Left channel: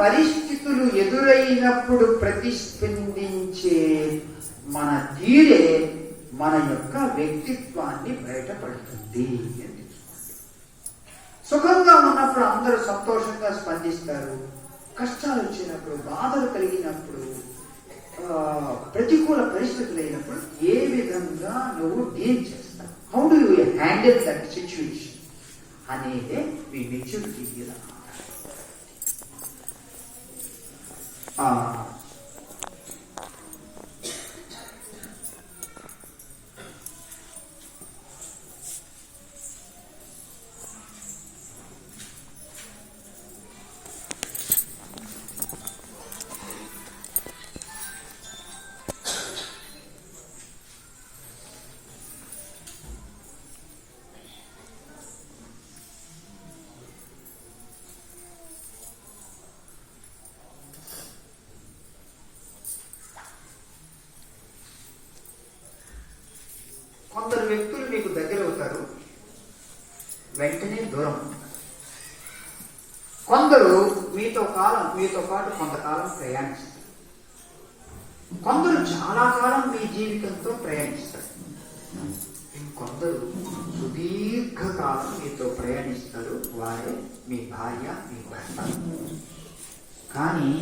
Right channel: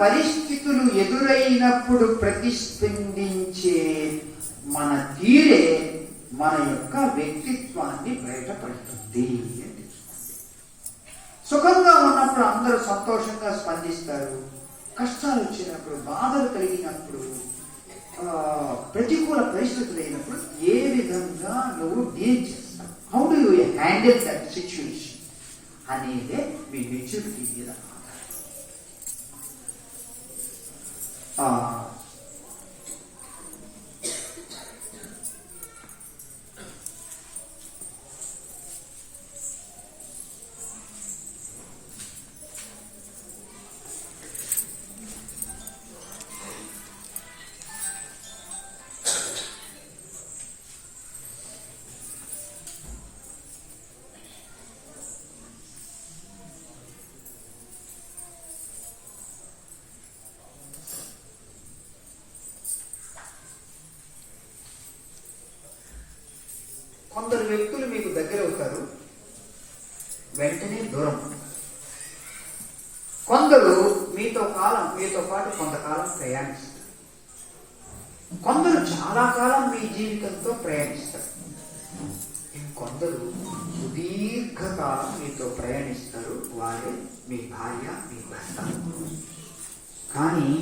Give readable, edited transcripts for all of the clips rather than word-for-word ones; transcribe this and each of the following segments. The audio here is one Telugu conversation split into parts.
పరిస్థితులు ఎదురైనప్పుడు ప్రతిస్పందించే మన తీరే మన యొక్క వ్యక్తిత్వాన్ని బయటపడుతుంది. సుఖంగా ఉన్నప్పుడు అందరూ సంతోషంగా స్పందిస్తారు. కష్టాలు వచ్చినప్పుడు, బాధలు కలిగినప్పుడు, ప్రతికూల పరిస్థితులు అయినప్పుడు ఏ విధంగా నువ్వు డీల్ చేస్తావు, how do you handle that situation అనేదే మీ మెచ్యూరిటీ మీద. కొందరు వ్యక్తులు మీకు దగ్గర అవుతారు, వెంటనే దూరం. కొందరు మీతో పాటు కొంతకాలం ప్రయాణిస్తారు. కొందరు చాలా కాలం మీ జీవితంతో ప్రయాణిస్తారు. కొందరు సుదీర్ఘకాలం మీతో ప్రయాణిస్తారు, వారే మీ భార్య, మీ భర్త. కానీ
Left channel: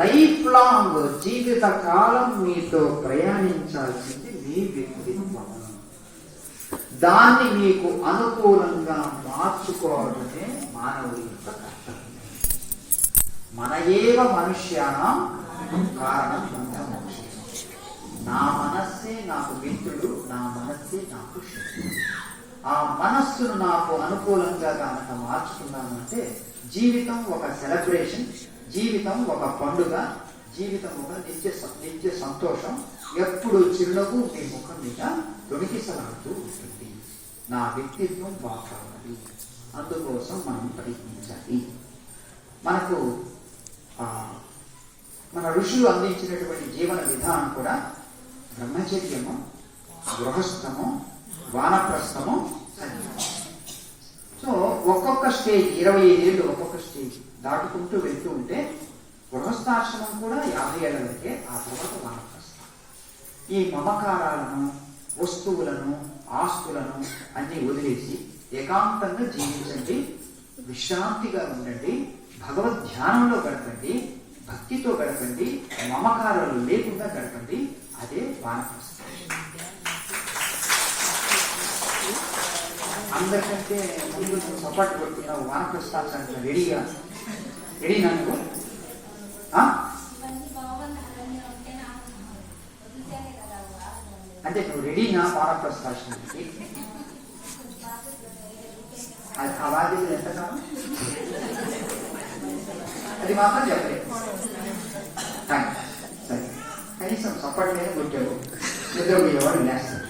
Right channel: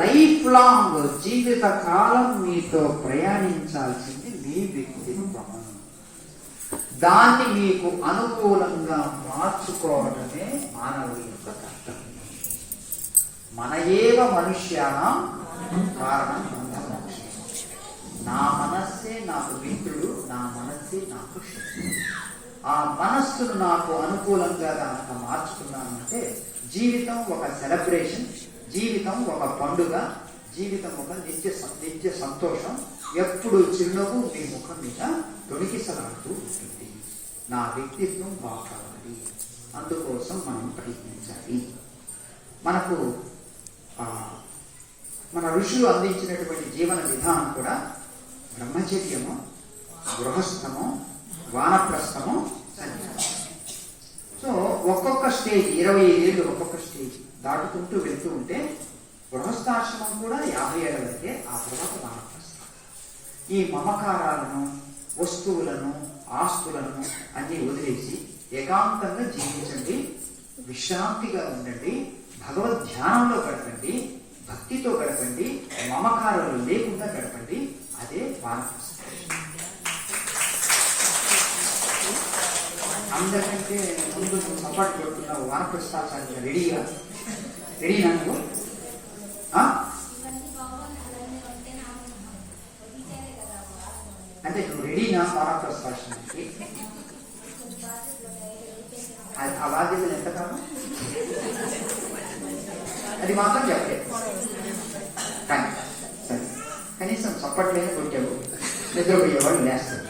లైఫ్ లాంగ్, జీవిత కాలం మీతో ప్రయాణించాల్సింది మీ వ్యక్తిత్వం. దాన్ని మీకు అనుకూలంగా మార్చుకోవడమే మానవుడి యొక్క కర్తవ్యం. మన ఏవ మనుష్యానం కారణం బంధమోక్షం. నా మనస్సే నాకు మిత్రుడు, నా మనస్సే నాకు శత్రుడు. ఆ మనస్సును నాకు అనుకూలంగా కనుక మార్చుకున్నానంటే జీవితం ఒక సెలబ్రేషన్, జీవితం ఒక పండుగ, జీవితం ఒక నిత్య సంతోషం. ఎప్పుడు చిరునవ్వు మీ ముఖం మీద తొణికిసలాడుతూ ఉంటుంది. నా వ్యక్తిత్వం బాగుండాలి, అందుకోసం మనం ప్రయత్నించాలి. మనకు మన ఋషులు అందించినటువంటి జీవన విధానం కూడా బ్రహ్మచర్యము, గృహస్థము, వానప్రస్థము, సో ఒక్కొక్క స్టేజ్ 25 ఏళ్ళు ఒక్కొక్క స్టేజ్ దాటుకుంటూ వెళ్తూ ఉంటే గృహస్థాశ్రమం కూడా 50 ఏళ్ల వరకే, ఆ తర్వాత వానప్రస్థం. ఈ మమకారాలను, వస్తువులను, ఆస్తులను అన్ని వదిలేసి ఏకాంతంగా జీవించండి, విశ్రాంతిగా ఉండండి, భగవద్ ధ్యానంలో గడపండి, భక్తితో గడపండి, మమకారాలు లేకుండా గడపండి. అదే వానప్రస్థం. అందరికంటే ముందు సపోర్ట్ కొడుతున్నావు వానప్రస్థాలు రెడీగా. రెడీనా నువ్వు? అంటే నువ్వు రెడీనా వానప్రస్థానికి? అది ఆ బాధ్యతలు ఎంత కాదు, అది మాత్రం చెప్పలేదు. సరే, కనీసం సపోర్ట్ లేక కొట్టాడు, నిద్రపోయేవాడు లేస్తాడు.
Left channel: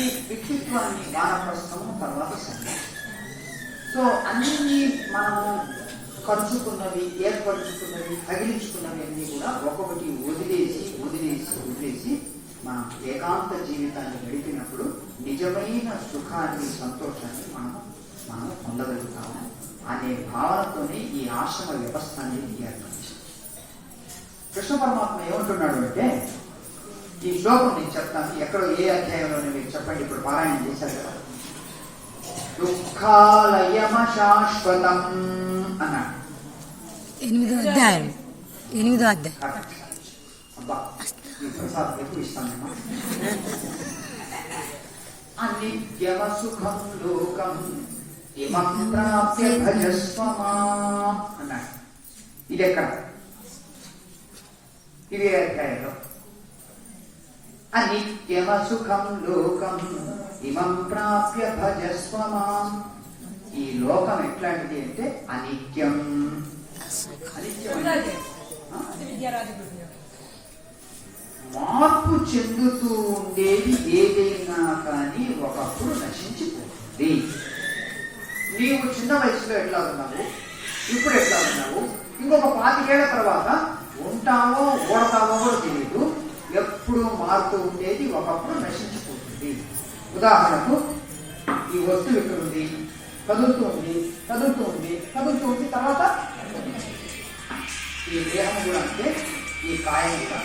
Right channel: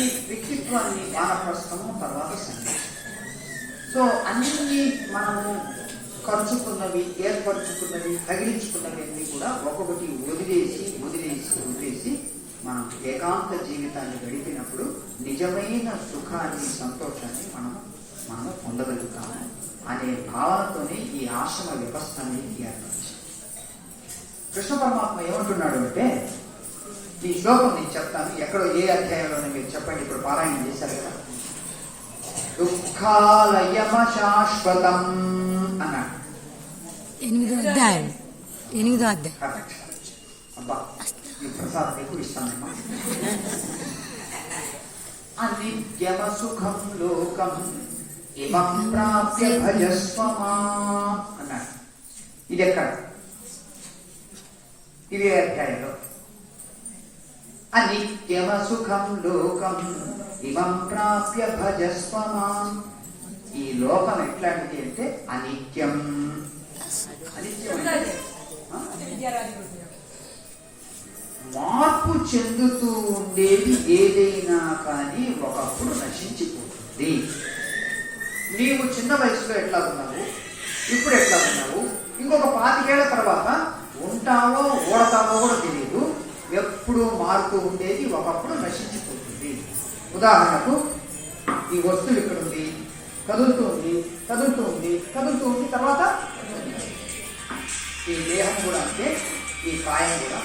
ఈ వ్యక్తిత్వాన్ని వానప్రస్థము, తర్వాత సన్యాసం. సో అన్ని మనము ఖర్చుకున్నవి, ఏర్పరచుకున్నవి, తగిలించుకున్నవి అన్ని కూడా ఒక్కొక్కటి వదిలేసి మనం ఏకాంత జీవితాన్ని గడిపినప్పుడు నిజమైన సుఖాన్ని, సంతోషాన్ని మనం పొందగలుగుతాము అనే భావనతోనే ఈ ఆశ్రమ వ్యవస్థ అనేది ఏర్పరిచింది. కృష్ణ పరమాత్మ ఏమంటున్నాడు అంటే, ఈ శ్లోకం నేను చెప్తాను, ఎక్కడో ఏ అధ్యాయంలో మీరు చెప్పండి. ఇప్పుడు పారాయణం చేశారు కదా, దుఃఖాలయమ శాశ్వతం అన్నాడు. 8వ అధ్యాయం. అబ్బా, ఈ ప్రసాదం ఎక్కువ ఇస్తానమ్మా. అనిత్యమ సుఖం లోకం ఇమం ప్రాప్య భజస్వమా అన్నాడు. ఇది ఎక్కడ? ఇదే అధ్యాయంలో. అనిత్యమ సుఖం లోకం ఇమం ప్రాప్య భజస్వమాం. ఈ లోకం ఎట్లాంటిది అంటే అనిత్యం. మార్పు చెందుతూ ఉండేది ఏదైనా కానీ ఒకప్పుడు నశించిపోతుంది. నీవు చిన్న వయసులో ఎట్లా ఉన్నావు, ఇప్పుడు ఎట్లా ఉన్నావు, ఇంకొక 25 ఏళ్ల తర్వాత ఉంటావో ఓడతావో కూడా తెలియదు. ఎప్పుడు మారుతూ ఉండేది, ఒకప్పుడు నశించిపోతుంది. ఉదాహరణకు ఈ వస్తువు ఇక్కడ ఉంది, కదులుతుంది కదులుతుంది కదులుతుంది, తర్వాత ఈ దేహం కూడా అంతే, ఈ కాయం కూడా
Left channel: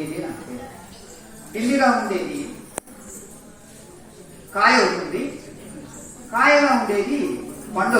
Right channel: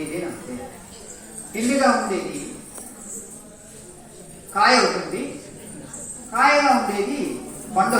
ఇది అంతే. ఢిల్లీగా ఉండేది కాయ అవుతుంది, కాయగా ఉండేది పండు.